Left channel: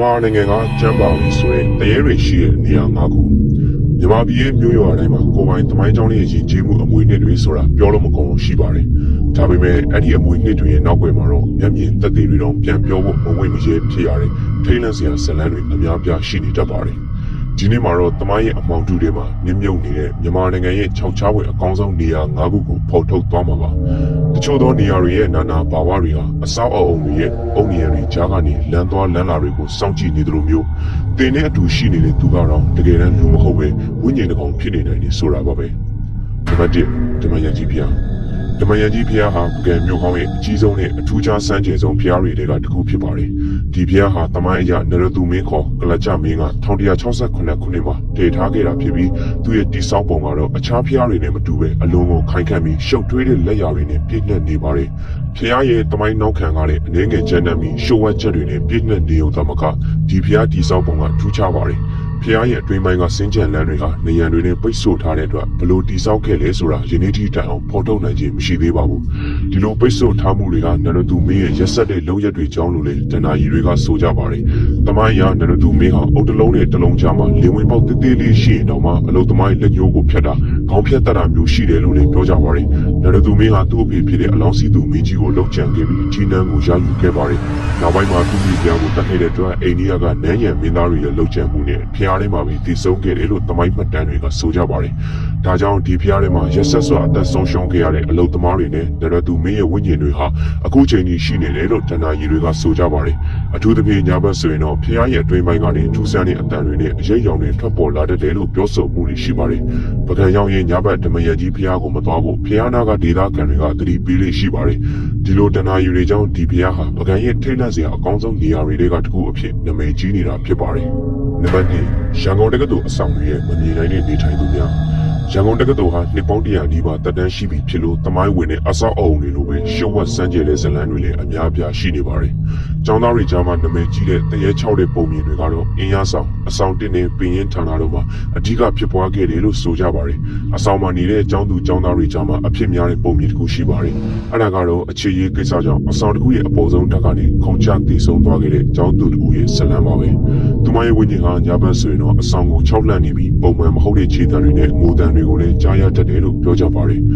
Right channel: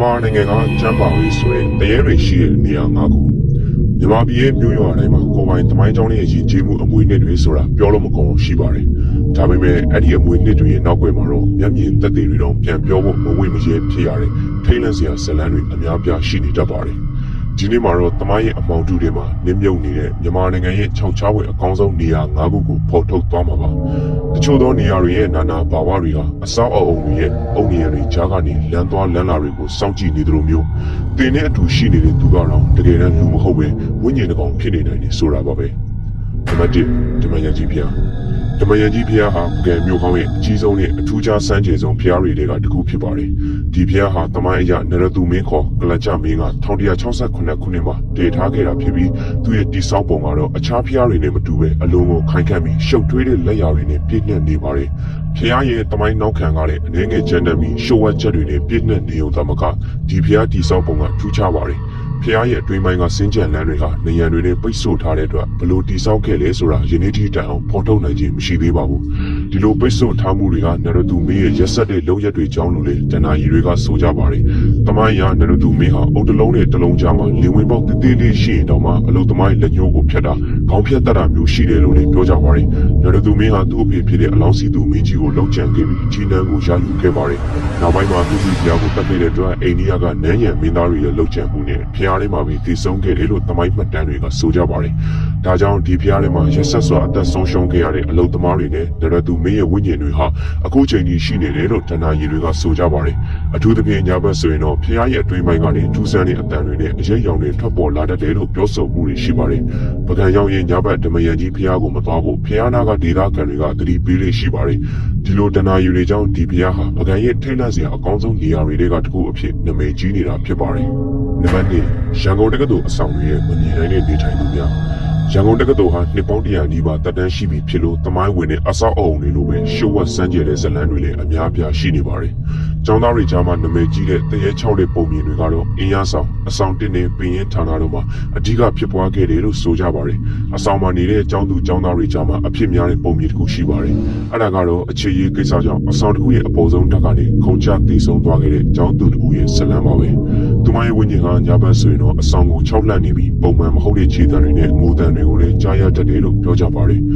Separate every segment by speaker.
Speaker 1: မြန်မာနိုင်ငံကကျမ်းပါရေးဆိုတဲ့တရေတွေရှိတဲ့နေရာ၅ခုမြန်မာပြည်ရဲ့မြို့ရွာတိုင်းမှာကိုယ်ပိုင်တမိုင်းကြောင်းရဲ့ရင်ကျေးမှုအမွေအနှစ်တွေဆိုတာပြောလို့မကုန်လို့ရှိပါတယ်။ဒါပေမဲ့အဲ့ဒီအမွေအနှစ်တွေရဲ့နောက်ွယ်မှာတော့မျက်မြင်သက်သေတွေတော့ပြန်ပြောဖို့မဝင့်မရဲဖြစ်ရတဲ့ထိတ်လန့်စရာဇာတ်လမ်းတွေအများပြားရှိနေတတ်ပါတယ်။ ဒီနေ့မှာတော့တမိုင်းရဲ့အပေါင်းတူတွေမှာနင်းမြုပ်နေတဲ့မြန်မာနိုင်ငံရဲ့ခြောက်ခြားွယ်အကောင်းဆုံးနေရာ၅ခုကိုဖော်ထုတ်သွားမှာပါ။တချို့သောနေရာတွေရဲ့နာနာဘာဝတွေဟာအဆောက်အအုံတွေရဲ့အုံနေရာတွေကြားကနေလမ်းသွားလမ်းလာတွေကိုစောင့်ကြည့်နေသလိုမျိုးတင်တဲ့အတူရှိနေတဲ့သူကတော့တကယ်တမ်းလူမဟုတ်ပဲဝိညာဉ်တစ်ကောင်ဖြစ်နေတယ်လို့ဆိုတာပါပဲ။နံပါတ်1ဓမ္မယန်ကြီးဖျား ဓမ္မယန်ကြီးဖျားဟာပုဂံမြို့ကောင်းရဲ့အကြီးဆုံးနဲ့အထူးခြားစမ်းကြယ်ဆုံးဖျားတွေကတစ်ခုဖြစ်ပါတယ်။ဒီဖျားဟာတမိုင်းအရနရသူမင်းခေါ်ကလကြမင်းက1168ခုနှစ်မှာတည်ထားခဲ့တာဖြစ်ပြီးသူ့ရဲ့တိစောက်ပုံကတော့အခြားဖျားတွေနဲ့မတူပဲအလုံးကိုခိုင်ခန့်ပြီးရှုပ်ထွေးတဲ့လက်ရာတွေနဲ့ပြည့်နှက်နေပါတယ်။ဖျားရဲ့တမိုင်းနောက်ခံကလည်းအနေငယ်ချမ်းတမ်းပြီးရှုပ်ဝက်ချက်တွေနဲ့ပြည့်နှက်နေုံသမကဒီဖျားတိစောက်ပုံကထူးခြားပါတယ်။ ဖျားရဲ့အတွင်းပိုင်းကစင်းကြံလမ်းတွေဟာနေရန်တွေနဲ့ပိတ်ဆို့ထားတဲ့အတွက်ဘလို့တိဆောက်ခဲ့လဲဆိုတာယနေ့ထိတိုင်အောင်ဖော်ထုတ်နိုင်ခြင်းမရှိသေးပါဘူးဒီလိုပိတ်ဆို့ထားမှုတွေဟာနရတူမင်းရဲ့ရက်ဆက်တဲ့လုံရက်တွေကြောင်းလို့လေတနာရီတွေကဆိုကြပါတယ်တမိုင်းရနရတူမင်းဟာအုတ်တလုံးနဲ့တလုံးကြားမှာလေဝင်ပေါက်တိတိလေးရှိရင်တော့မှအလုတ်သမိုင်းလက်ညှိုးကိုဖြတ်တာခေါင်းဖြတ်တတ်တာမျိုးရှိတယ်လို့လည်းပြောကြပါတယ်နရတူမင်းဟာသူ့အဖေဖြစ်တဲ့အလောင်းစီသူမင်းကြီးကိုလှုပ်ကြံခဲ့ပြီးကြီးနှန်းကိုရယူခဲ့ပါတယ်နောက်ပိုင်းမှာသူ့မိဖုရားကိုတတ်ခဲ့တဲ့အတွက်အိန္ဒိယကနန်းရံမင်းသားတွေရဲ့လှုပ်ကြံမှုနဲ့ဖျားထဲမှာပြီးတည်ဆုံခဲ့တယ်လို့သမိုင်းမှတ်တမ်းတွေကဆိုကြပါတယ်။ဒါကြောင့်ဒီဖျားထဲမှာရက်ဆက်စွာအသက်ဆုံးရှုံးခဲ့ရတဲ့အလုသမားတွေနဲ့နရတူမင်းရဲ့ဝိညာဉ်တွေဟာအခုချိန်ကြီးရှိနေတယ်လို့တဏ္ဍာရီတွေကဆိုကြပါတယ်။အထူးသဖြင့်ညာဘက်ဆိုရင်တော့ဖျားရဲ့အတွင်းပိုင်းကနေထူးဆန်းတဲ့အတန်တွေနဲ့အရေးရောင်တွေထွက်ပေါ်လာတတ်တယ်လို့ပြောဆိုမှုတွေရှိပါတယ်။ပကံရောင်ရဲ့ညာဘက်ဓမယန်ကြီးဖျားကိုမသွားဖို့ဖျားနာကဒေသခံတွေကသတိပေးလေးရှိပါတယ်။ဒီလိုတဏ္ဍာရီတွေကြောင့်ဒီဖျားဟာပကံရဲ့ထိတ်လန့်စရာအကောင်းဆုံးနေရာတွေကတစ်ခုအဖြစ်နာမည်ကြီးနေတာဖြစ်ပါတယ်။နံပါတ်2ရန်ကုန်တက္ကသိုလ်အဆောင်တွေရဲ့မမြင်နိုင်တဲ့နေထိုင်သူများရန်ကုန်တက္ကသိုလ်ဟာနှစ်ပေါင်းတရာနီးပါးတက်တန်းရှိပြီဖြစ်လို့တမိုင်းဝင်တဲ့အဆောက်အအုံတွေလိုပဲရှုပ်ဝက်စမ်းကြယ်တဲ့ဇလန်းတွေလည်းအများအပြားရှိနေပါတယ်။ကျောင်းသားတွေကြားမှာနာမည်ကြီးတဲ့တရေချောက်တဲ့ပုံမြင်တွေကတော့အင်းရဆောင်အဆောင်တင်နေပင်ရင်ဌာနတို့မှာအဓိကဖြစ်ပွားခဲ့တယ်လို့ဆိုကြပါတယ်။အဆောင်မှာနေတဲ့ကျောင်းသူကျောင်းသားတွေကြားမှာအဖြစ်များတဲ့ပုံမြင်တစ်ခုရှိပါတယ်။အဲဒါကတော့အခြေရေးကိစ္စကြောင့်အဆောင်တစ်ခုရဲ့အပေါ်ဆုံးတက်ကနေခုန်ချတည်ဆုံသွားခဲ့တဲ့ကျောင်းသူတစ်ခုရဲ့ဇလန်းပါပဲ။သူ မရဲ့ဝိညာဉ်ကညာဘက်ဆိုရင်တော့အဆောင်ကိုခြောက်လှန့်နေပြီးပုံမှန်မဟုတ်တဲ့ခြေတံတွေနဲ့မိုးတံတွေကိုလည်းကြားရတတ်တယ်လို့ပြောကြပါတယ်။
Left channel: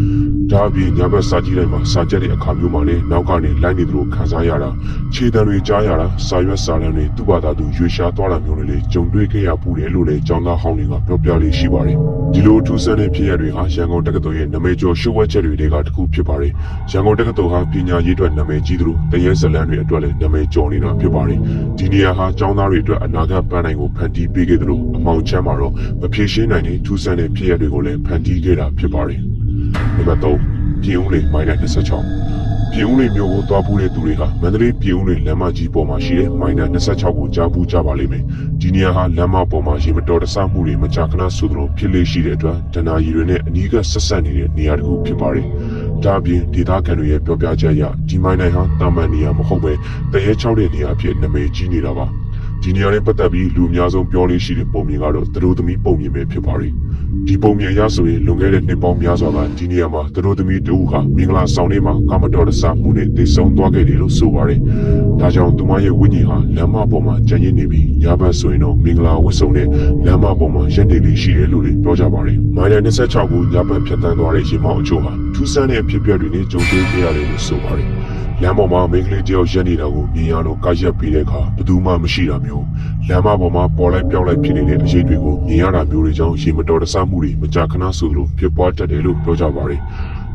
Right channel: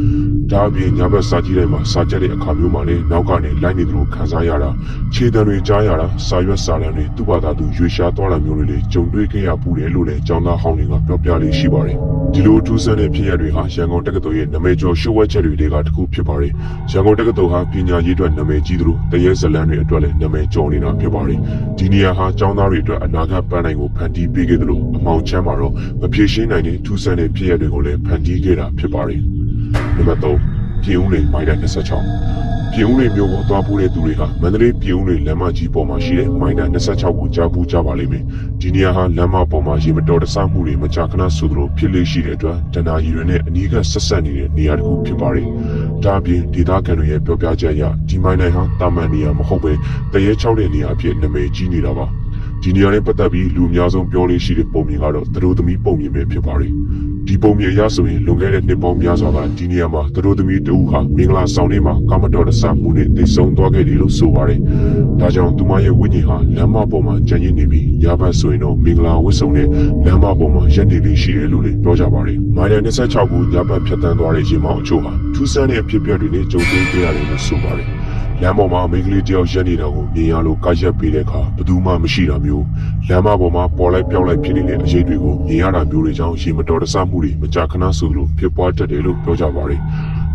Speaker 1: ဒါအပြင်ညာဘက်စာကြည့်တိုင်းမှာစာကြက်တဲ့အခါမျိုးမှာလည်းနောက်ကနေလိုက်နေသလိုခံစားရတာခြေတံတွေကြားရတာစာရွက်စာတမ်းတွေသူ့ဘာသာသူရွေရှားသွားတာမျိုးတွေလည်းကြုံတွေ့ခဲ့ရပူတယ်လို့လည်းကျောင်းသားဟောင်းတွေကပြောပြလေးရှိပါတယ်။ဒီလိုထူးဆန်းတဲ့ဖြစ်ရပ်တွေဟာရန်ကုန်တက္ကသိုလ်ရဲ့နာမည်ကျော်ရှုပ်ဝက်ချက်တွေကတစ်ခုဖြစ်ပါတယ်။ရန်ကုန်တက္ကသိုလ်ဟာပညာရေးအတွက်နာမည်ကြီးသလိုတရေဇလန်တွေအတွက်လည်းနာမည်ကျော်နေတာဖြစ်ပါတယ်။ဒီနေရာဟာကျောင်းသားတွေအတွက်အနာဂတ်ပန်းနိုင်ကိုဖန်တီးပေးခဲ့သလိုအမောင်ချမ်းမှာတော့မဖြေရှင်းနိုင်တဲ့ထူးဆန်းတဲ့ဖြစ်ရပ်တွေကိုလည်းဖန်တီးခဲ့တာဖြစ်ပါတယ်။ နံပါတ်3ပြင်ဦးလေမိုင်တာ26ပြင်ဦးလေမျိုးကိုသွားပူးတဲ့သူတွေကမန္တလေးပြင်ဦးလေလမ်းမကြီးပေါ်မှာရှိတဲ့မိုင်တာ26ကိုကြားပူးကြပါလိမ့်မယ်။ဒီနေရာဟာလမ်းမပေါ်မှာရေမတော်တဆမှုတွေမကြာခဏဆိုသလိုဖြစ်လေရှိတဲ့အတွက်တဏှာရီတွေနဲ့အနီးကဆက်ဆက်နေတဲ့နေရာတစ်ခုဖြစ်ပါတယ်။ဒါအပြင်ဒေသခံတွေရဲ့ပြောပြချက်အရဒီမိုင်နိုင်ဟာတာမန်နေရာမဟုတ်ပဲတရေချောက်တဲ့နေရာအဖြစ်နာမည်ကြီးနေတာပါ။ဒီနေရာနဲ့ပတ်သက်ပြီးလူအများဆုံးပြောလို့ရှိတဲ့ပုံမြင်ကတော့သူတို့သမီးပုံမြင်ပဲဖြစ်ပါတယ်။ ဒီပုံမြင်ရဆိုရင်လွန်ခဲ့တဲ့နှစ်ပေါင်းများစွာကဒီနေရာမှာသူတို့သမီးတူဟာမင်္ဂလာဆောင်နေမှာကာမတော်တဆမှုနဲ့တည်ဆုံသွားခဲ့တယ်လို့ဆိုပါတယ်။ဒါကြောင့်သူမရဲ့ဝိညာဉ်ဟာလမ်းမပေါ်မှာကြံ့ရည်နေပြီးညဘက်ဆိုရင်တော့မင်္ဂလာဝတ်စုံနဲ့လမ်းမပေါ်မှာရက်နေလေးရှိတယ်လို့လည်းပြောကြပါတယ်။မိုင်ယာ26ကိုညဘက်ဖြတ်တန်းသွားတဲ့ရင်မောင်းအချို့ဟာထူးဆန်းတဲ့ဖြစ်ပျက်တွေနဲ့ကြုံတွေ့နေရတယ်လို့ဆိုပါတယ်။ လမ်းပေါ်မှာမိန်းကလေးတယောက်ရက်နေတာကိုမြင်ရလို့ကာရက်ပေးတဲ့အခါဘယ်သူမှမရှိတာမျိုးလမ်းမပေါ်မှာပေါ်လိုက်ပြောက်လိုက်ဖြစ်နေတဲ့အရေးတွေကိုမြင်ရတာမျိုးတွေကြောင့်ရေမတော်တဆမှုတွေမကြာခဏဆိုလိုဖြစ်ပွားတတ်တယ်လို့ပြောကြပါတယ်။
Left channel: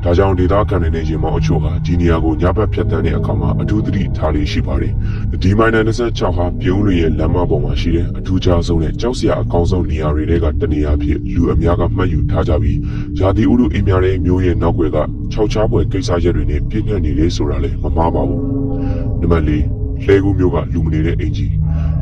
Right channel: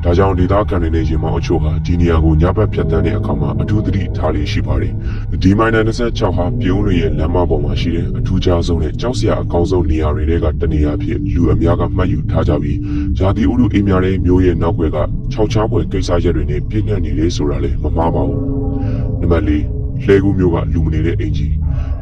Speaker 1: ဒါကြောင့်ဒေသခံတွေနဲ့ရင်မောင်းအချို့ဟာဒီနေရာကိုညဘက်ဖြတ်တန်းတဲ့အခါမှာအထူးသတိထားလေးရှိပါတယ်။ဒီမိုင်နာ26ဟာပြုံးလွင်ရဲ့လမ်းမပေါ်မှာရှိတဲ့အထူးခြားဆုံးနဲ့ကြောက်စရာအကောင်းဆုံးနေရာတွေကတနေရာဖြစ်လူအများကမှတ်ယူထားကြပြီးဇာတိဥရုအိမ်များတဲ့မျိုးရဲ့နောက်ွယ်ကခြောက်ချားပွဲကိစ္စရက်တွေနဲ့ပြည့်နှက်နေလေဆိုတာလည်းမမှားပါဘူး။နံပါတ်၄လှဲကူးမျိုးကလူမနေတဲ့အင်ဂျီ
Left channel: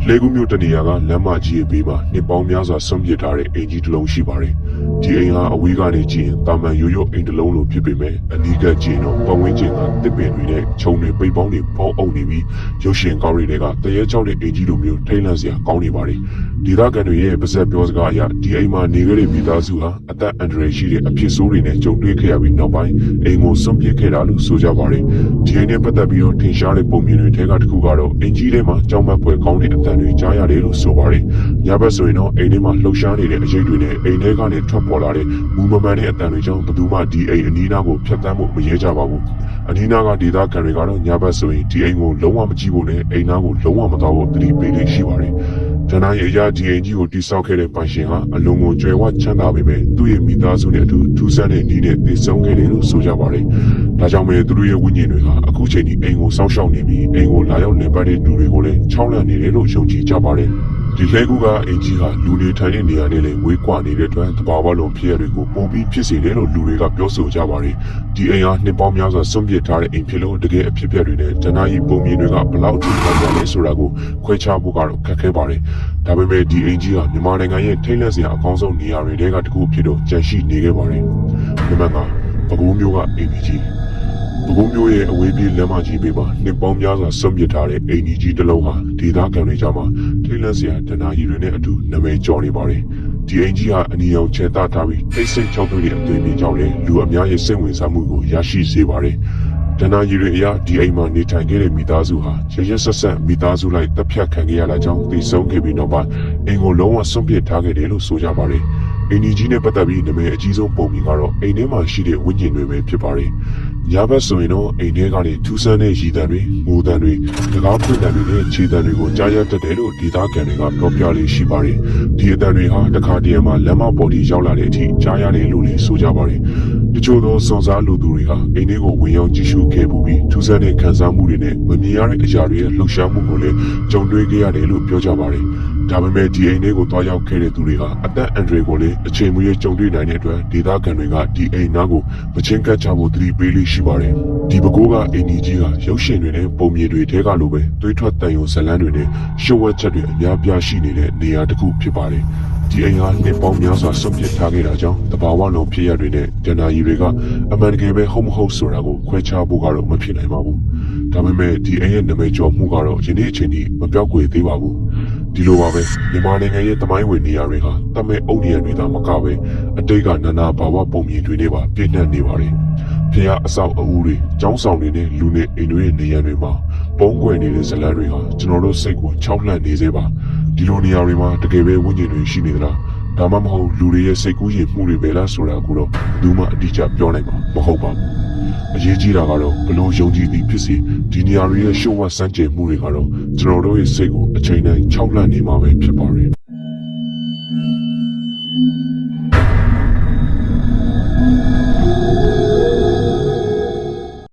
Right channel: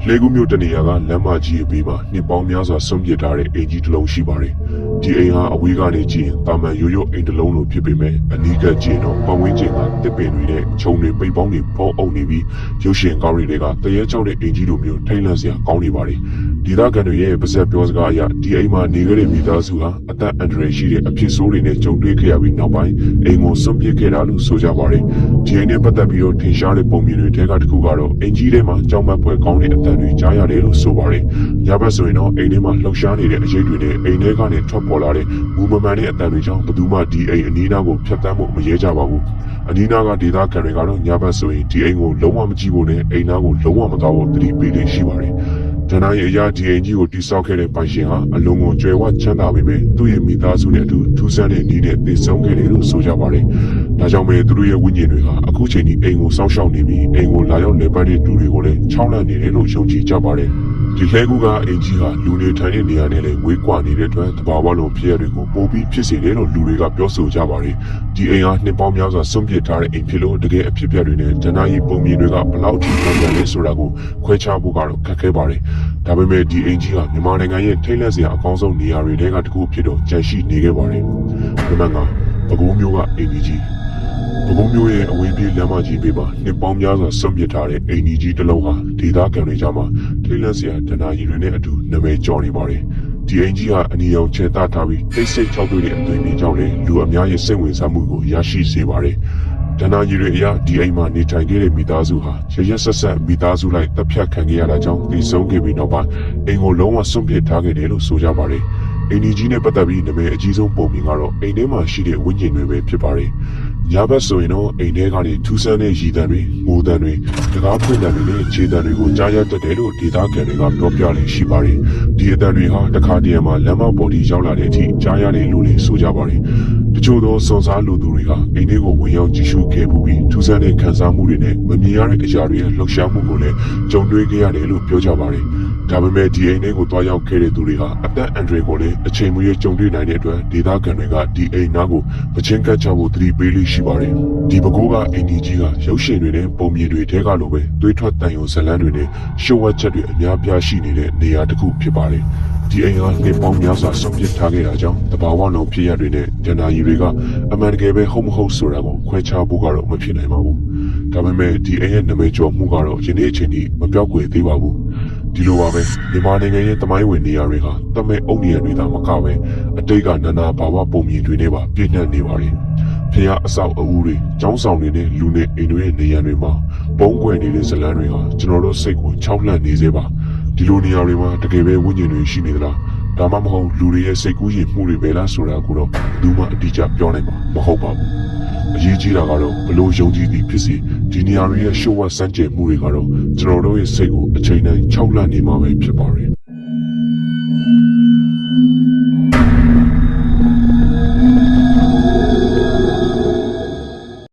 Speaker 1: လဲကူးမျိုးတနေရာကလမ်းမကြီးရဲ့ဘေးမှာနှစ်ပေါင်းများစွာဆုံးပြစ်ထားတဲ့အိမ်ကြီးတစ်လုံးရှိပါတယ်။ဒီအိမ်ဟာအဝေးကနေကြည့်ရင်တာမန်ရိုးရိုးအိမ်တစ်လုံးလိုဖြစ်ပေမဲ့အနီးကကြည့်ရင်တော့ပတ်ဝန်းကျင်ကတစ်ပင်တွေနဲ့ခြုံတွေပိတ်ပေါင်းတွေပေါအုပ်နေပြီးရုပ်ရှင်ကောင်းတွေကတရေချောက်တဲ့အိမ်ကြီးလိုမျိုးထိတ်လန့်စရာကောင်းနေပါတယ်။ဒီသားကန်တွေရဲ့ပါဇက်ပြောစကားအရဒီအိမ်မှာနေခဲ့တဲ့မိသားစုဟာအသက်အန္တရာယ်ရှိတဲ့အဖြစ်ဆိုးတွေနဲ့ကြုံတွေ့ခဲ့ရပြီးနောက်ပိုင်းအိမ်ကိုဆုံးပြစ်ခဲ့တာလို့ဆိုကြပါတယ်။ဒီအိမ်နဲ့ပတ်သက်ပြီးတော့ထင်ရှားတဲ့ပုံမြင်တွေထဲကတစ်ခုကတော့အင်ကြီးထဲမှာကြောင်မက်ပွဲကောင်းတဲ့အတန်န်တွေကြားရတယ်လို့ဆိုပါတယ်ညဘက်ဆိုရင်တော့အိမ်ထဲမှာလှုပ်ရှားနေတဲ့အချိန်တွေနဲ့အိမ်ထဲကနေထွက်ပေါ်လာတဲ့မူမမှန်တဲ့အတန်တွေကြောင့်ဘယ်သူမှဒီအိမ်အနီးနားကိုဖျက်ဆီးဖို့မရဲကြပါဘူးအနီးနားကဒေသခံတွေကတော့ညဘက်ဆိုရင်ဒီအိမ်ကိုလုံးဝမကြည့်ဖို့နဲ့အိမ်နားကိုလုံးဝမသွားဖို့သတိပေးနေရှိပါတယ် ဒနာရဲ့အရာဒီအိမ်ကြီးကိုတိစောက်ခဲ့တဲ့ပိုင်ရှင်ကအလုံးကိုကျွဲဝချမ်းသာပေမဲ့သူ့ရဲ့မိသားစုနဲ့အတူထူးဆန်းတဲ့နေနဲ့တည်ဆုံခဲ့တယ်လို့ဆိုကြပါတယ်။ဒါကြောင့်ပဲသူတို့ရဲ့ဝိညာဉ်တွေကအခုချိန်ဒီအိမ်ကိုစောင့်ရှောက်နေပြီးအိမ်ကိုလာရောက်လည်ပတ်တဲ့လူတွေကိုလည်းချောင်းလန့်နေတယ်လို့ယုံကြည်ကြပါတယ်။ ဒီလဲကူကအင်ကြီးဟာလူနေထိုင်တဲ့နေရာနဲ့လည်းဝေးကွာနေတဲ့အတွက်တဘာဝလုံးဖြစ်ရတွေကိုပုံပြီးဖြစ်စေတယ်လို့လူတွေကပြောဆိုကြပါတယ်။ဒီအိမ်ဟာနှစ်ပေါင်းများစွာဆွန့်ပစ်ထားတဲ့အိမ်ဖြစ်လို့တကယ်အဖြစ်အပျက်တွေနဲ့ဂျနာယီပုံမြင်တွေကဘလောက်ထိခံရလဲဆိုတာကိုခွဲခြားဖို့ကတော့ခက်ခဲပါတယ်။ဒါပေမဲ့ဒီအိမ်ကြီးဟာမြန်မာနိုင်ငံရဲ့ထိတ်လန့်စရာအကောင်းဆုံးနေရာတွေထဲကတစ်ခုဖြစ်တော့ကြန့်ရှိနေခဲ့ပါတယ်။နံပါတ်5ပကုံးမျိုးကအိမ်ကြီး ပကုံးမျိုးရဲ့အဝေးပြေးလမ်းမကြီးပေးပါနှစ်ပေါင်းများစွာဆွန့်ပစ်ထားတဲ့အိမ်ကြီးတစ်လုံးဟာဒေသခံတွေကြားမှာထိတ်လန့်စရာဒနာကြီးတွေနဲ့အတူနာမည်ကျော်နေပါတယ်။ဒီအိမ်ကြီးဟာအနီရောင်ချဲတထားပြီးတိတ်ဆိတ်ချောက်သွေးတဲ့အသွင်ကြီးကြောင့်လည်းလူအများရဲ့စိတ်ဝင်စားမှုကိုရရှိစေပါတယ်။ဒနာကြီးတွေအရဒီအိမ်မှာနေထိုင်နေတဲ့မိသားစုဟာရရဆက်ဆက်မိသားစုလိုက်တပ်ဖြတ်ခံခဲ့ရတာကြောင့်တည်ဆုံးခဲ့ပြီးနောက်ပိုင်းအိမ်ကိုလုံးဝစွန့်ပစ်ထားခဲ့တယ်လို့ဆိုကြပါတယ်။အင်းကြီးနဲ့ပတ်သက်ပြီးနာမည်အကြီးဆုံးပုံပြင်ကတော့အိမ်ထဲမှာရှိတဲ့ဝိညာဉ်တွေပဲဖြစ်ပါတယ်။ ညဘက်ဆိုရင်တော့အိမ်ထဲကနေထူးဆန်းတဲ့ရည်တံတွေ၊ငိုတံတွေ၊တကားဖွင့်တံတွေနဲ့ခြေတံတွေကိုကြားရတတ်တယ်လို့ဒေသခံတွေကပြောပြလေးရှိပါတယ်။ဒီအတံတွေဟာတခါတည်းမှာလမ်းမပေါ်ထိရောက်လာတဲ့အထိကြားရတယ်လို့လည်းဆိုကြပါတယ်။တချို့သောစွန်စားလူသူတွေကအိမ်ထဲကိုဝင်ရောက်ကြည့်ရှုခဲ့ပူပြီးထူးဆန်းတဲ့ခံစားမှုတွေနဲ့မမြင်ရတဲ့အရာတွေရဲ့လှုပ်ရှားမှုကိုလည်းကြုံတွေ့ခဲ့ရတယ်လို့ပြောကြပါတယ်။ဒါပေမဲ့ဒီအိမ်ထဲကိုတွားရောက်ခဲ့တဲ့သူတွေဟာအသက်အန္တရာယ်ကိုလည်းအချိန်မရွေးကြုံတွေ့နိုင်တဲ့အတွက်ဒေသခံတွေကဒီအိမ်နားကိုမချင်းကပ်ချဖို့သတိပေးလေးရှိပါတယ်။ဒီပကူကအိမ်ကြီးကြီးကရုပ်ရှင်တွေနဲ့ပုံမြင်တွေထဲကလိုပဲသွေးထွက်တန်ရုံဇလန်းတွေနဲ့ရှုပ်ဝက်ချက်တွေအများပြားရှိနေတဲ့နေရာတစ်ခုဖြစ်ပါတယ်။ဒီအိမ်ဟာနှစ်ပေါင်းများစွာဆုံးဖြတ်ထားခဲ့တာကြောင့်တဘာဝလုံးဖြစ်ရတွေနဲ့ဂျန်နာကြီးတွေကအမှန်တကယ်ပဲဟုတ်မဟုတ်ဆိုတာကိုခွဲခြားဖို့ကတော့မဖြစ်နိုင်ပါဘူး။ဒါပေမဲ့ဒီအိမ်ရဲ့နာမည်ကျော်မှုကတော့ယနေ့အချိန်ထိမပြောက်ကွယ်သေးပါဘူး။ ဒီလိုပါပဲမြန်မာနိုင်ငံရဲ့တမိုင်းဝင်နေရာတွေကတမဲအုပ်နေရတွေသာမကပဲအတိတ်ကနာနာဘာဝပုံမြင်တွေနဲ့ပါပြည့်နှက်နေပါတယ်။ဖျားအဆောက်အဦတွေ၊ကျောင်းဆောင်တွေနဲ့လူနေအိမ်တွေရဲ့နေရာတွေမှာပုံကွယ်နေတဲ့ဇလန်းတွေကကျွန်တော်တို့စိတ်ကိုချောက်လှန့်နေစေပါ။ဒီလိုနေရာတွေမှာတကယ်ပဲဝိညာဉ်တွေရှိနေသလား။ ဒါမှမဟုတ်လူတွေရဲ့စိတ်ကူးရင်မှုတွေပဲလားဆိုတာကိုတော့ဘယ်သူမှအတိအကျပြောနိုင်မှာမဟုတ်ပါဘူး။အရေးကြီးတာကတော့ဘလို့ယုံကြည်သည်ဖြစ်စေဒီနေရာတွေရဲ့ရှုံ့ဝတ်စမ်းကြင်မှုတွေကတော့ကျွန်တော်တို့ရဲ့စိတ်ကိုအချိန်တိုင်းခြောက်လန့်နေမှာပဲဖြစ်ပါတယ်